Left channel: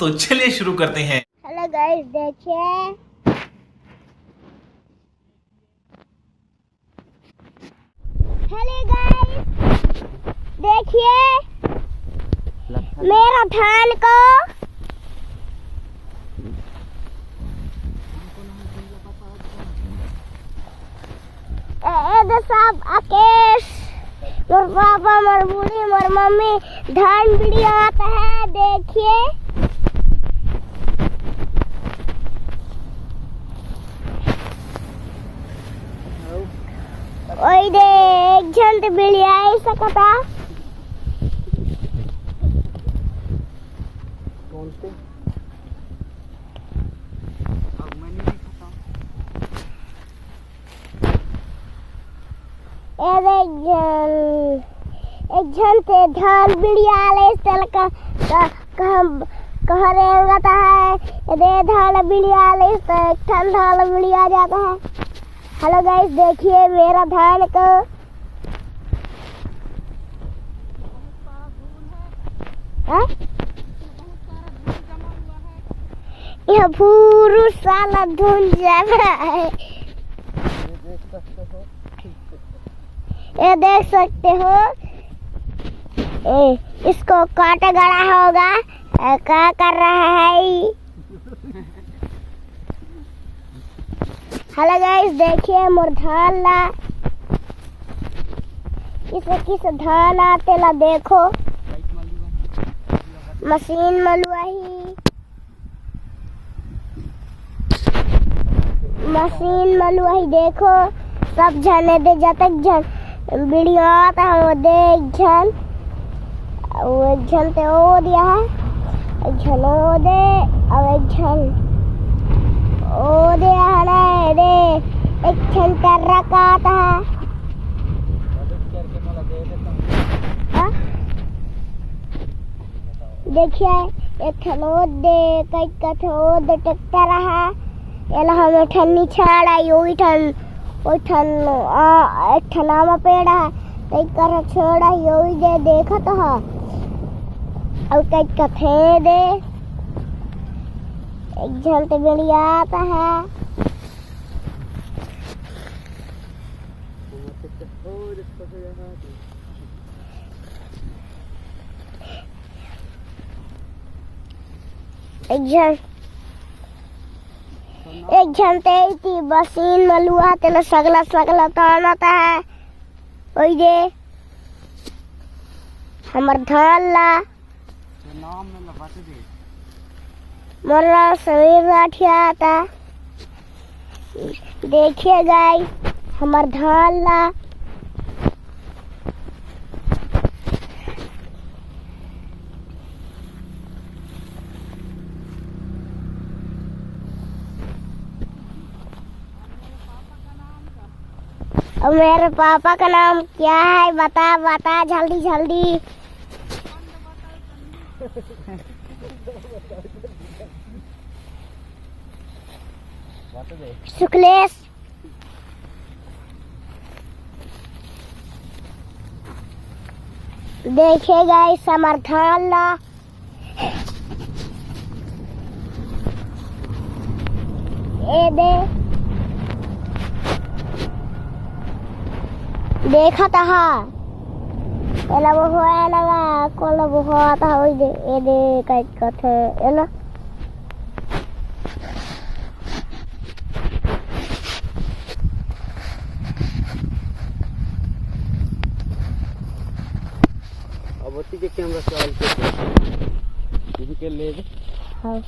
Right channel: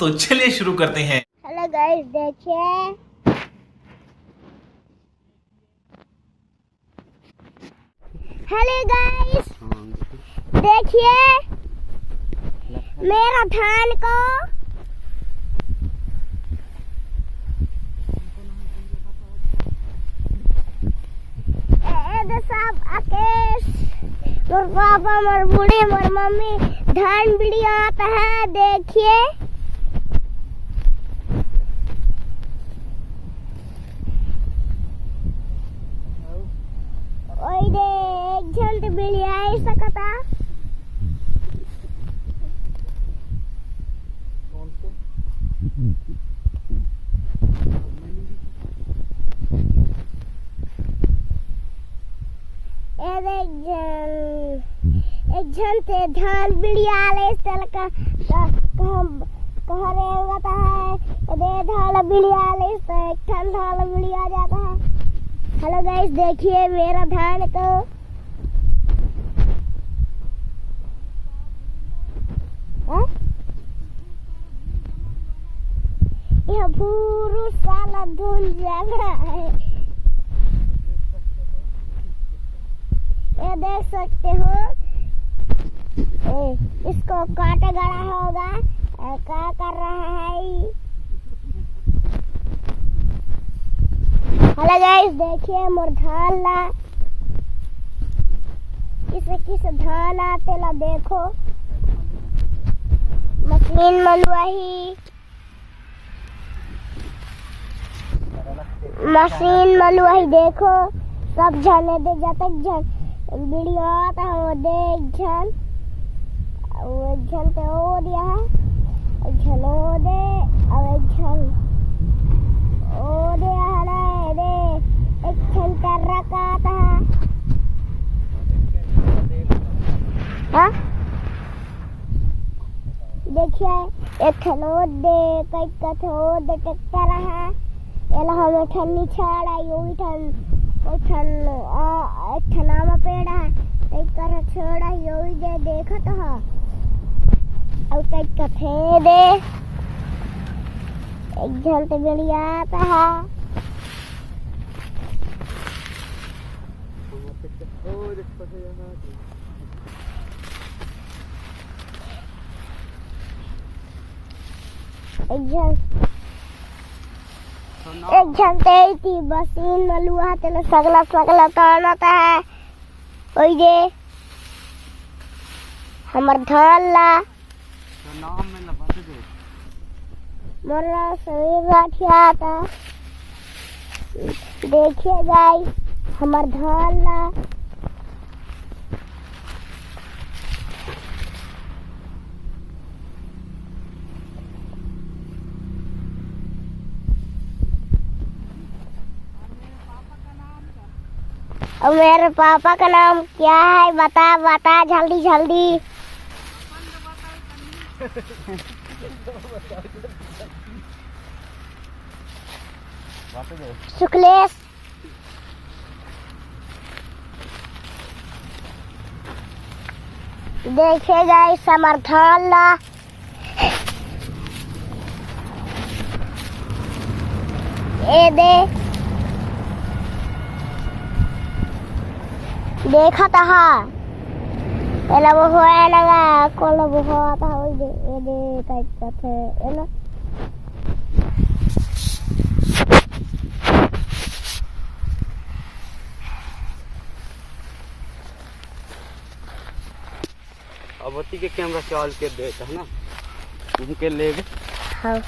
तो चलिए शुरू करते हैं। हेलो गाइस, देखिए मेरा धान को सब आकेश मोर पापा मोर बूढ़ी मोर मम्मी धान बिड़ी आता है। देखिए ओई दे एक झंड बिड़ी आई सकता एक जन से धान बिड़िया ले चल का कह रहेगा तो है दे धान बिड़िया ले तो एक ठन धान बिड़िया जाता है। हेलो गाइस, देखिए मेरा धान को यह पूरा साला धुन जाना है। ये देख सकते हो, इसको काटा गड़ा होगा। क्या कर रहा है? हेलो गाइस, देखिए मोर धान ला किस धान आते ला देखो मशीन मलुआही देखो सब जने दे जतक जन वीडियो आता है वो देख झन वो एक झन ते ओ दिया है एक झन ओ दे और एक झन ओ दिया है ना दे एक झन कर्रा का आता है। हाँ देखिए एक ठन ओ दे कई कथ ओ दे ट्रैक्टर है एला हमें ठन्नी छाड़ा योगी ठन ओ एक ठनामा पेड़ है कई कर छोड़ा योगी दे देखा तो है और कई कथे दे एक झल तो बढ़िया आता है। एक झंटे थी बसीन मलुआ तेला सगला तानता है। ओई दे हमर धान ला नाम में लबाते दो मोरा सभी राठिया आता। देखिए गाइस हमर धान ला और मेरे पापा का नाम क्या है बता जल्दी शुक्लेश। देखिएगा इस समर्थन ला ए दे देखा था एला वो होया लगा कोला वो होता था ओई दे ए दे कई कथे एला अब के कैमरा चाल पे ना उनके ले। हाँ